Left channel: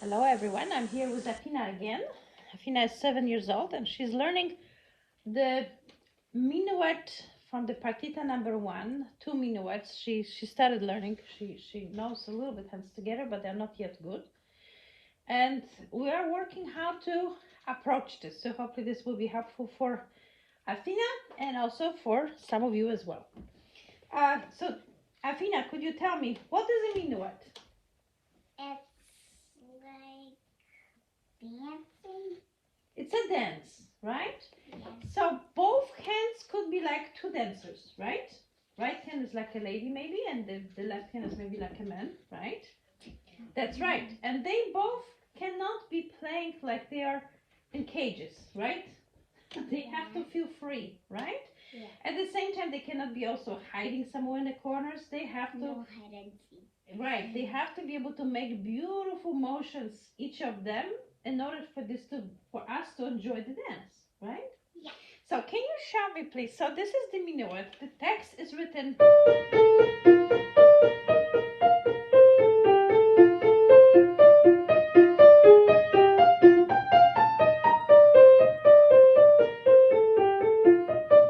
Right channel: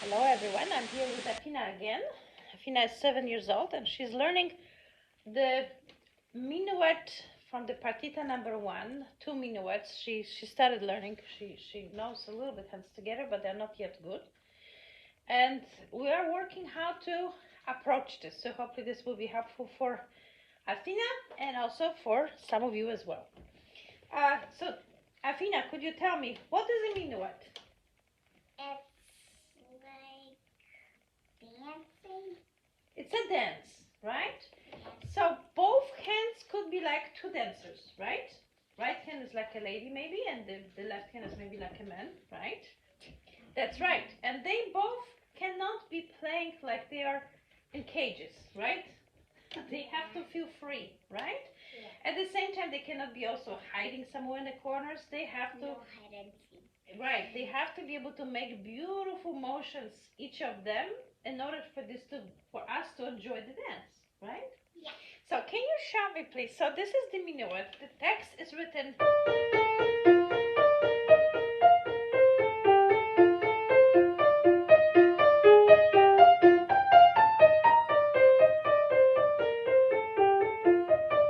Hello everyone, I'm here with Afina again. Afina is 7 years old and she's learning the Menuet from the Partita #1, 2 minuets. She started learning, she knows a little bit hands together, but they're not yet good. And we are working how to approach this, so hopefully this will be helpful for Afina and also for some of you as well. So Afina, could you tell me, what is a Menuet? Dancing? It's a dance, right? Yes. So both hands could be like two dancers, right? Right hand is like a lady maybe, and the left hand is maybe like a man, right? That's right. And they both cannot be playing like they are in cages, right? They have to feel free, right? Yeah. At the same time, they cannot be also hiding somewhere in the corners. They have to... No hide and seek. Right, they have to be able to make beautiful motions, each of them, in order for us to enjoy the dance, right? Yeah. So can you show me, please? So this is the Menuet. The text is written.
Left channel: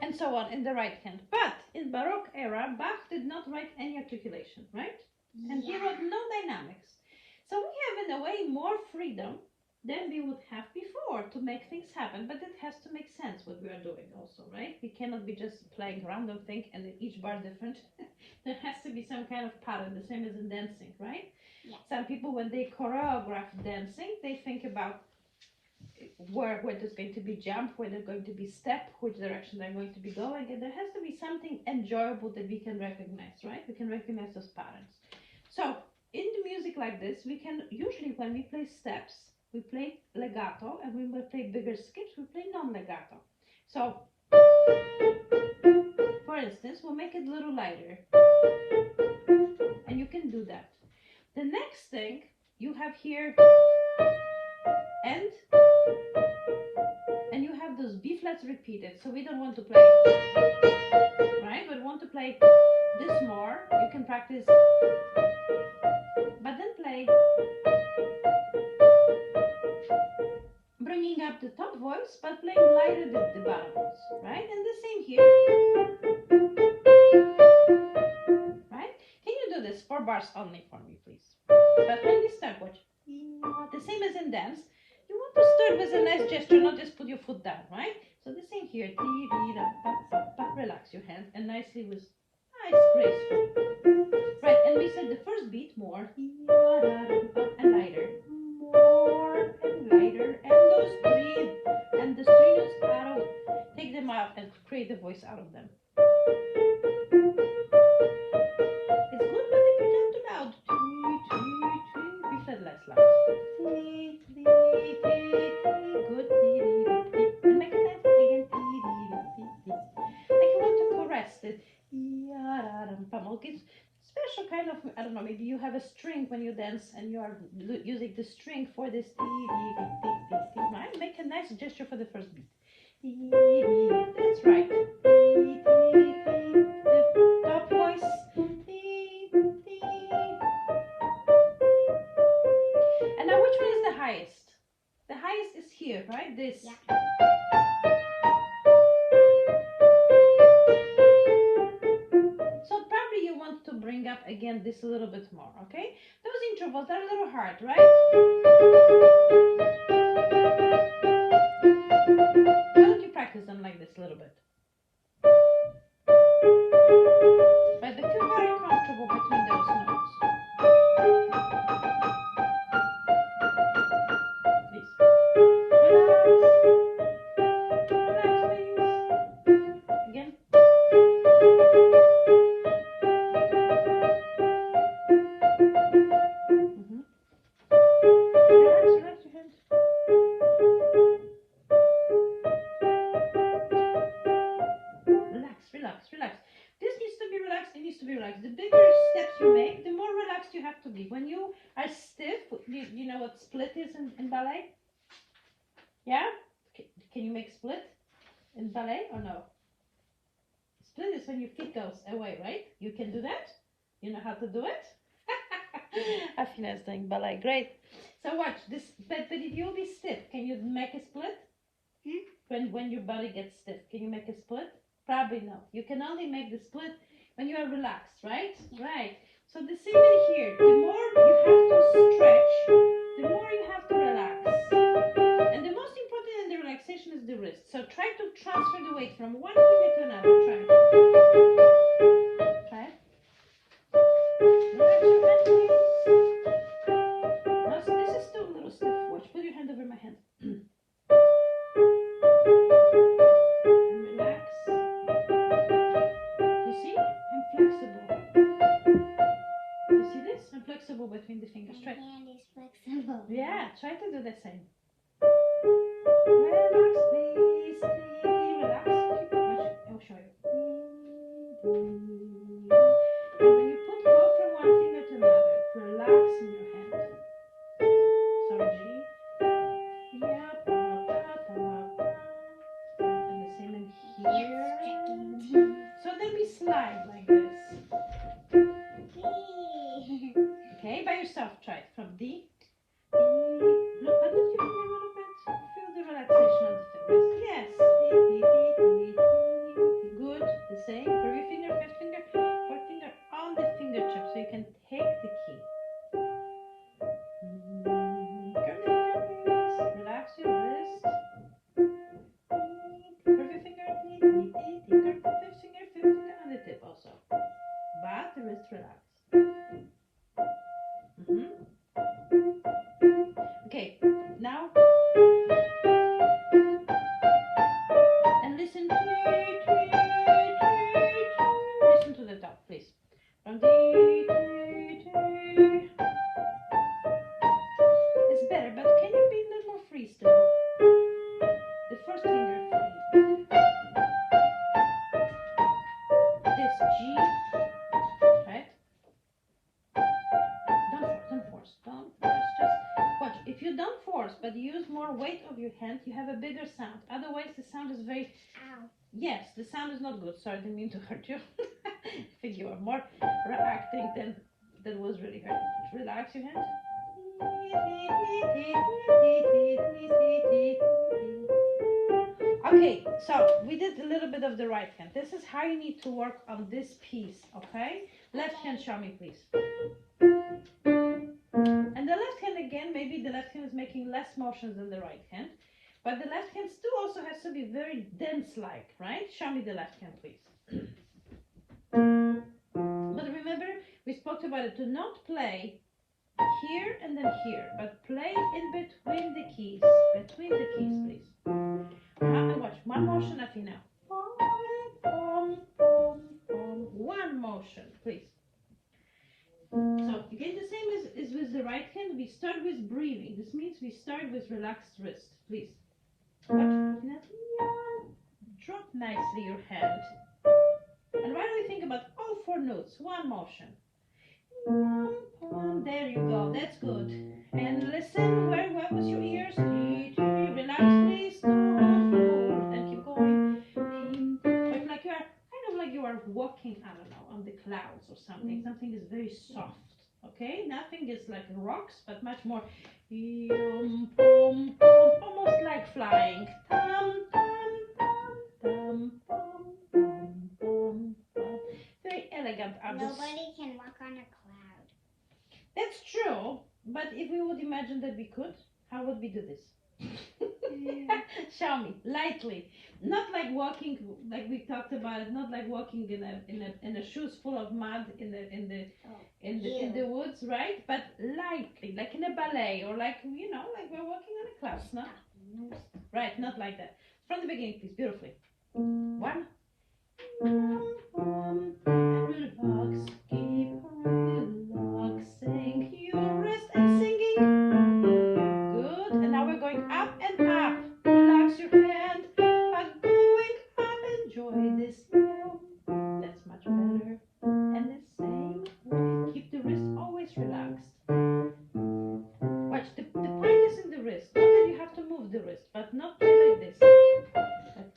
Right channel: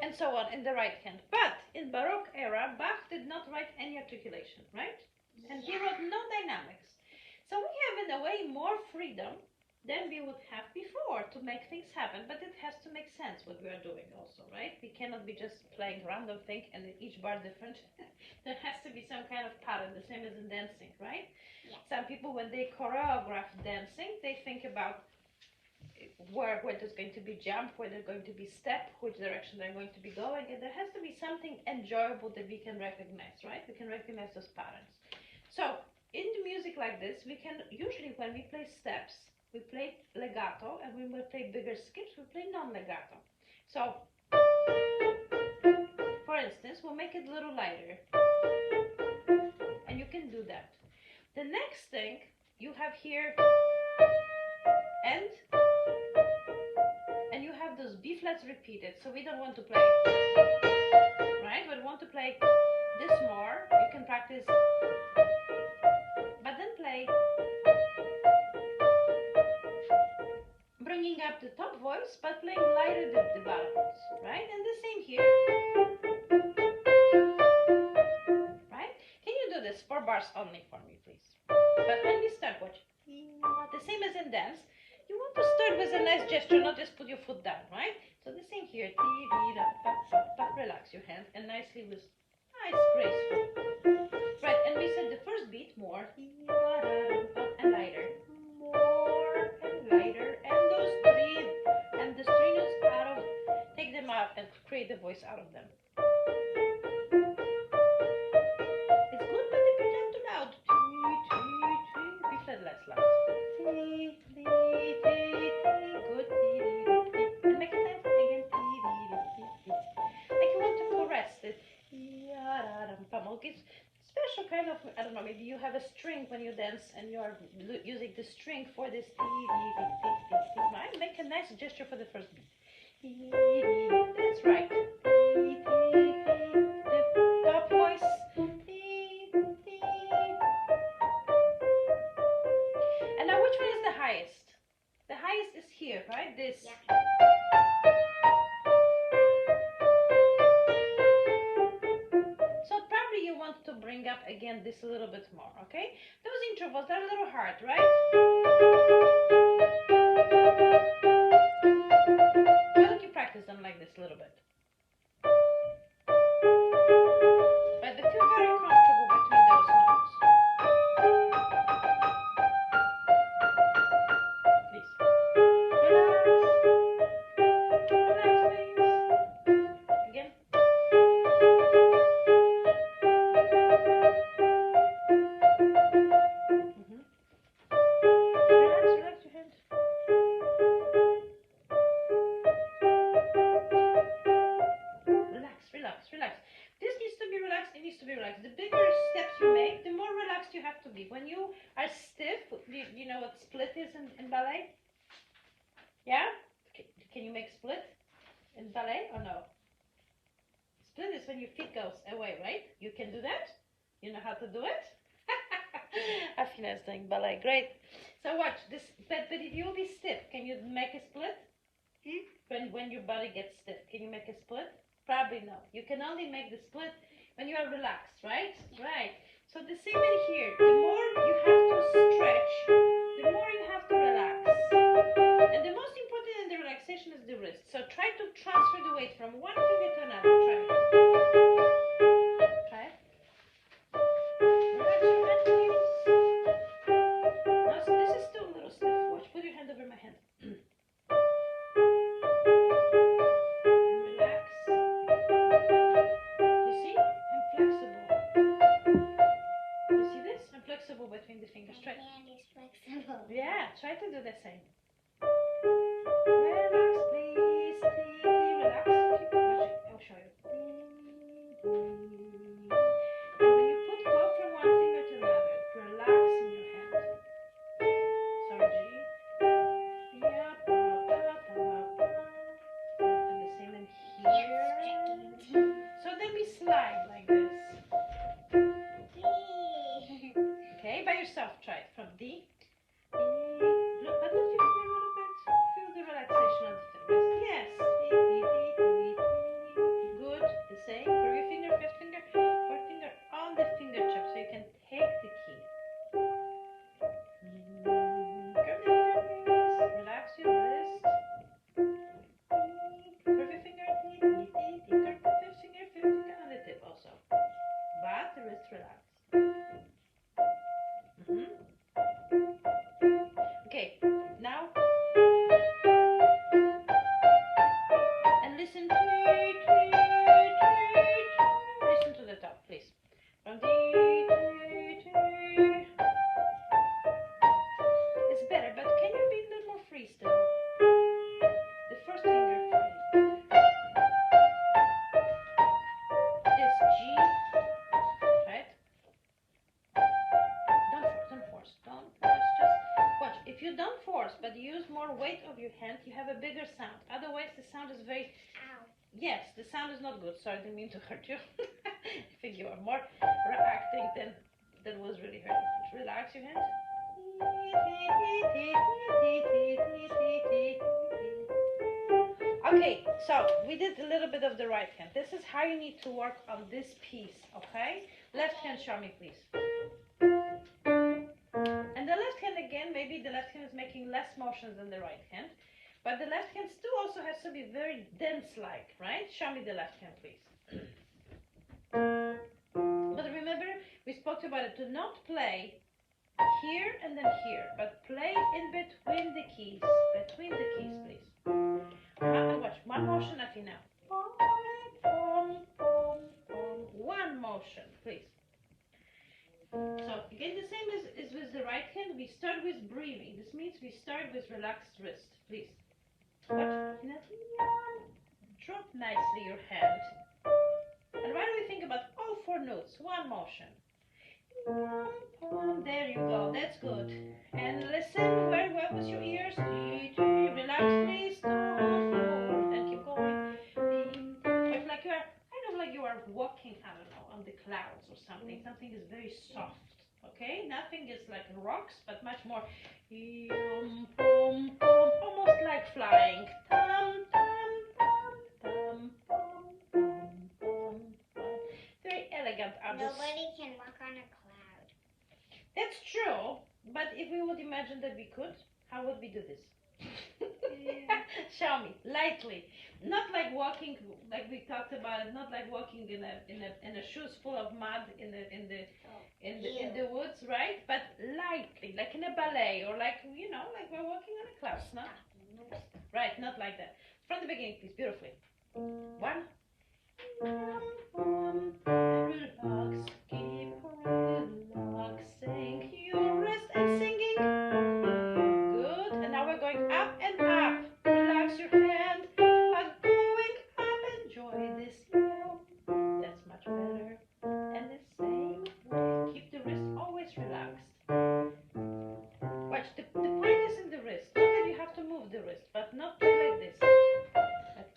And so on in the right hand. But in Baroque era, Bach did not write any articulation, right? And he wrote no dynamics. So we have in a way more freedom than we would have before to make things happen, but it has to make sense what we are doing also, right? We cannot be just playing random thing and each bar different. There has to be some kind of pattern, the same as in dancing, right? Yeah. Some people, when they choreograph dancing, they think about where there's going to be jump, where there's going to be step, which direction they're going to be going, and there has to be something enjoyable that we can recognize, right? We can recognize those patterns. So in the music like this, we can usually, when we play steps, we play legato, and when we play bigger skips, we play non-legato. So, for instance, we'll make it a little lighter, and you can do that. The next thing you have here, and you have those B flats repeated. So we don't want to play, right? We want to play this more. You can practice, but then play. Bringing up the top voice, but playing lighter the bottom voice, right? And the same here, right? Can you do this 4 bars only for me, please? But when you start, watch. The same as in dance, you want to start with a nice gesture, not just put your foot down, right? So the same here. Relax your hand and nicely with nice graceful. Right, and we said the first beat more and lighter. More and lighter, and those breathe, and the string notes out of, take them out and create the voice out of them. It's good, but if you don't too loud, we said less loud. Good, and make it nice again. Like you want to caress it. Special kind of, I don't know, maybe you have a string when you dance and you are using the string for this, right? Make a nice gesture for the first beat. That's right. The top voice. And now which one is the highest? The highest is here, right? This. Yeah. To bring up again this a little bit more, okay? Those intervals are a little hard, right? Why don't you practice them like this a little bit? But if you're very comfortable between those notes, please relax, please. Again. Relax your hand. Relax. This needs to be relaxed, it needs to be relaxed. The bigger steps you make, the more relaxed you have to be. When you are stiff, you know what split is in ballet? Yeah? Can you make split in ballet or no? Split is when your feet goes away, right? You can do that? You know how to do it? Afina is doing ballet, great. So watch this, but if you'll be stiff, can you make a split? When your body gets stiff, can you make a split? Probably not. You can only make the split when you are relaxed, right? Yeah. Right. So the same in here. The more you have to stretch, the more you have to relax. And the most important in the relaxation is the wrist. So try to transfer the weight from one finger to another. Try it. Try it. Relax your hand, please. Now, so this is still a little stiff. Watch. Put your hand over my hand. And relax. You see? I'm flexible. You see this? I'm flexible between the fingers. Try. My hand is flexible. Yeah, try to do the same. Relax, please. Relax. Keep watching. I'll show you. And when you put both from one finger to another, relax in your hand. Sorry, G. Yeah, and the same in here. So then we slide like this. Okay, by yourself, try it from D. Look, but lift your finger a little bit. Feel the relaxation of the wrist. Yes. Good. The same. Curve your finger, fifth finger, fourth finger on the fingertip so you can take the key. Curve your finger, please. Relax your wrist. Curve your finger. Curve the fifth finger on the tip also. But the wrist relaxed. Okay, now and listen. Listen to the top, please. From D. It's better, but can you be a little more free still? The first finger free. This G, right? Don't force. Just watch. If you don't force, but use more weight of your hand, you have a bigger sound. Otherwise, the sound is very. Ow. Yes, the sound is not good. Sorry, didn't mean to hurt you. I think you are more reacting than was really hurting. Relax your hand. Okay, so we did a little bit of the right hand. This is how you need to work on this piece, okay? Left hand, show me, please. And the left hand again, maybe the left hand is making less motions than the right hand, but the left hand still also has to be very dense-like, right? Show me the left hand, please. But remember, we spoke about it, to not play here and then here, but play in between the keys, please. Watch, one motion, Athena. One motion, please. So again, the same as with the right hand. We start with breathing. This means we start with relaxed wrist, please. Watch, Athena. Drop nicely your hand. And why don't we think about all four notes? One motion. There you go. That's good. And listen very well with your ears. Relax, please. And keep going. It's like you are kind of like you are walking, I don't know, on the clouds or something. Something is very soft. Okay? Nothing is like rocks, but much more almost like flying. Very elegant. Nobody can walk on a cloud. That's true, but if we would imagine that we could, how would we do this? Show me, lightly. Not like walking, like we talked about it. Not like walking in a shoes full of mud in the woods, right? But lightly, like in a ballet, or like like we're walking on a cloud. No? Right, not like that. From the beginning, please, beautifully. One. Relax, keep relaxing your wrist and singing. Good. And now we're going up and up. Relax your hand. But going up, enjoy this. That's much better. And the same way, keep the wrist always relaxed. Watch, the point is in the wrist. Not that you have to move the wrist, but not play like this.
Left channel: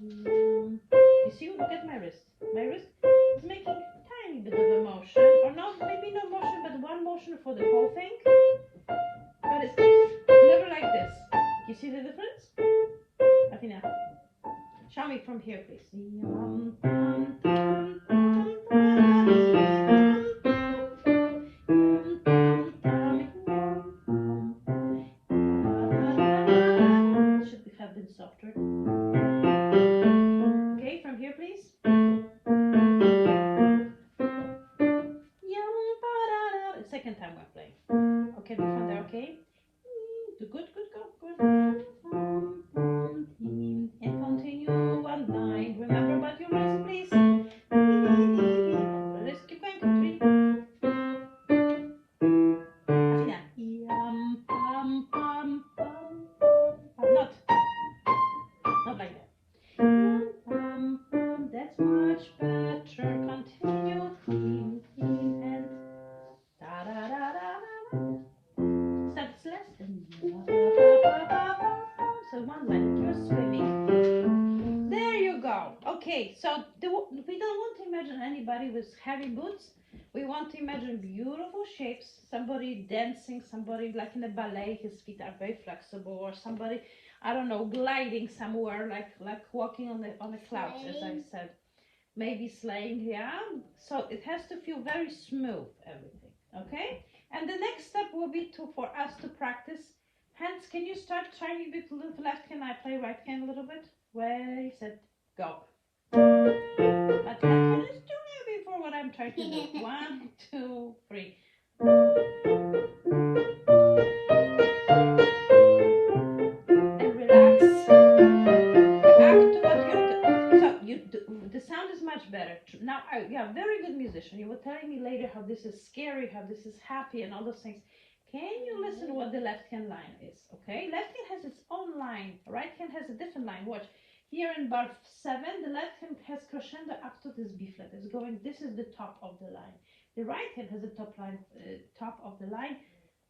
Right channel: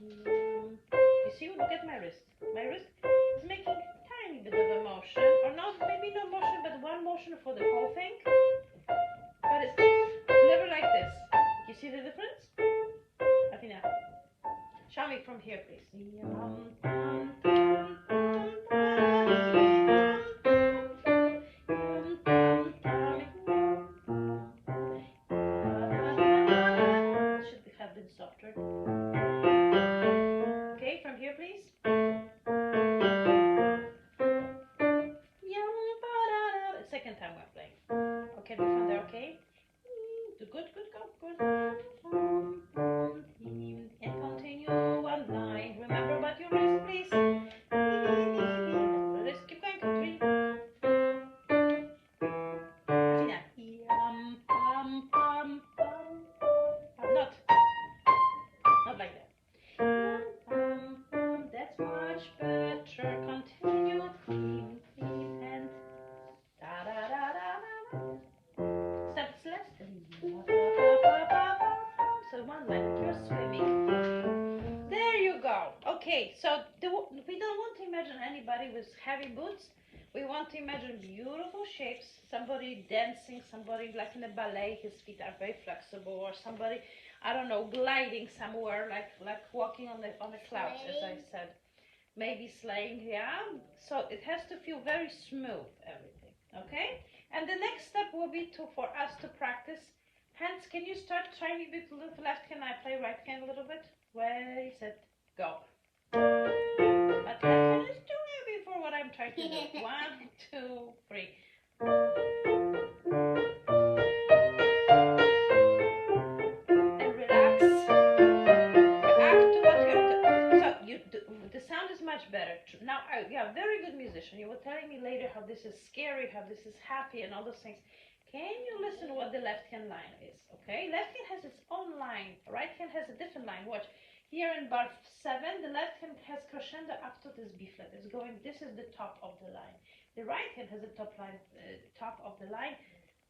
You see, look at my wrist. My wrist is making a tiny bit of a motion, or not, maybe no motion, but one motion for the whole the difference? Athena, show me from here, please. Should have been softer. Okay, from here, please. Second time we're playing. Okay, do from there, okay? Good, go, good. And continue one line. Remember about your wrist, please. Let's keep going. 3. Not like that. That's much better. Continue. And steps less. So one line, you're swimming. There you go. Okay, so we don't want to imagine anybody with heavy boots. We want to imagine beautiful shapes, somebody dancing, somebody like in a ballet, his feet are very flexible, or somebody, I don't know, gliding somewhere, like walking on the clouds, as I said. Maybe sleighing, yeah. So it has to feel very smooth, everything, okay? And the next step will be for us to practice hands. Can you start trying a bit with left hand? I play right hand a little bit. Ready, set, go. But left hand is too heavy for what I'm trying to do. 1, 2, 3. And relax. React to what you're doing. So the sound is much better. Now, yeah, very good musician. You were telling me later how this is scary, how this is happy, and all those things. Can you listen to what the left hand line is? Okay, left hand has its own line. Right hand has a different line. Watch. Here in bar 7, the left hand has crescendo up to this B flat. It's going. This is the top of the line. The right hand has a top of the line.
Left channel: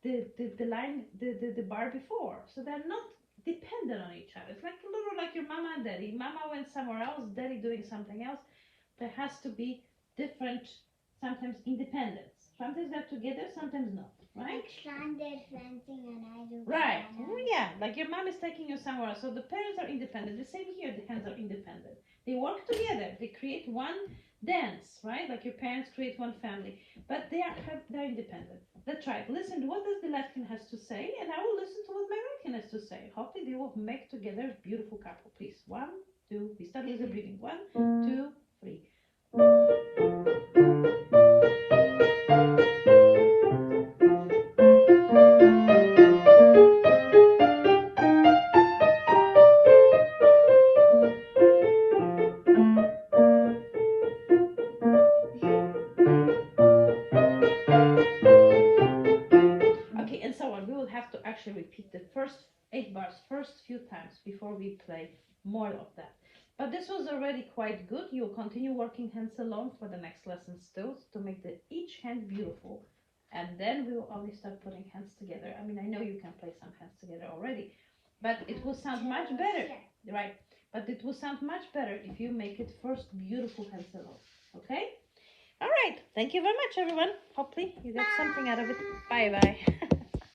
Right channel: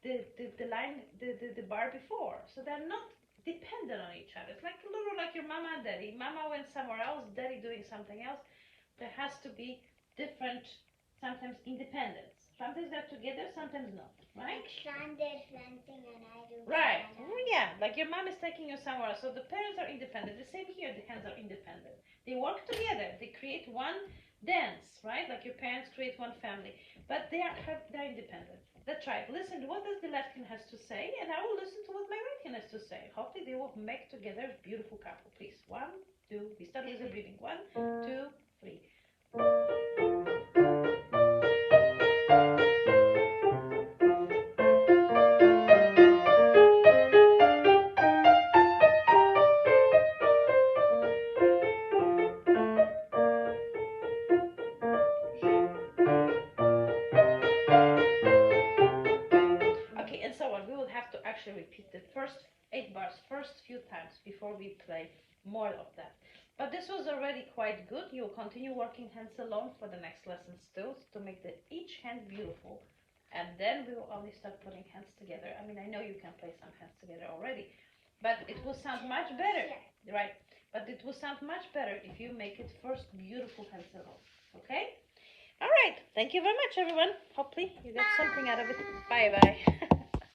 The bar before. So they're not dependent on each other. It's like a little like your mama and daddy. Mama went somewhere else. Daddy doing something else. There has to be different, sometimes independence. Sometimes they're together. Sometimes not. Right? Like Sean did fencing and I do right. banana. Yeah, like your mom is taking you somewhere, so the parents are independent. The same here, the hands are independent. They work together. They create one dance, right? Like your parents create one family, but they're independent. Let's try it. Listen to what does the left hand has to say, and I will listen to what my right hand has to say. Hopefully, they will make together a beautiful couple. Please, 1, 2. We start with the breathing. 1, 2, 3. Repeat the first 8 bars first few times before we play more of that. But this was already quite good. You'll continue working hands alone for the next lessons too, to make each hand beautiful, and then we will only start putting hands together. I mean, I know you can play some hands together already, but it will sound much better, right? But it will sound much better if you make it first beautiful hands alone. Okay? All right. Thank you very much, everyone. Hopefully you got something out of it. Bye bye.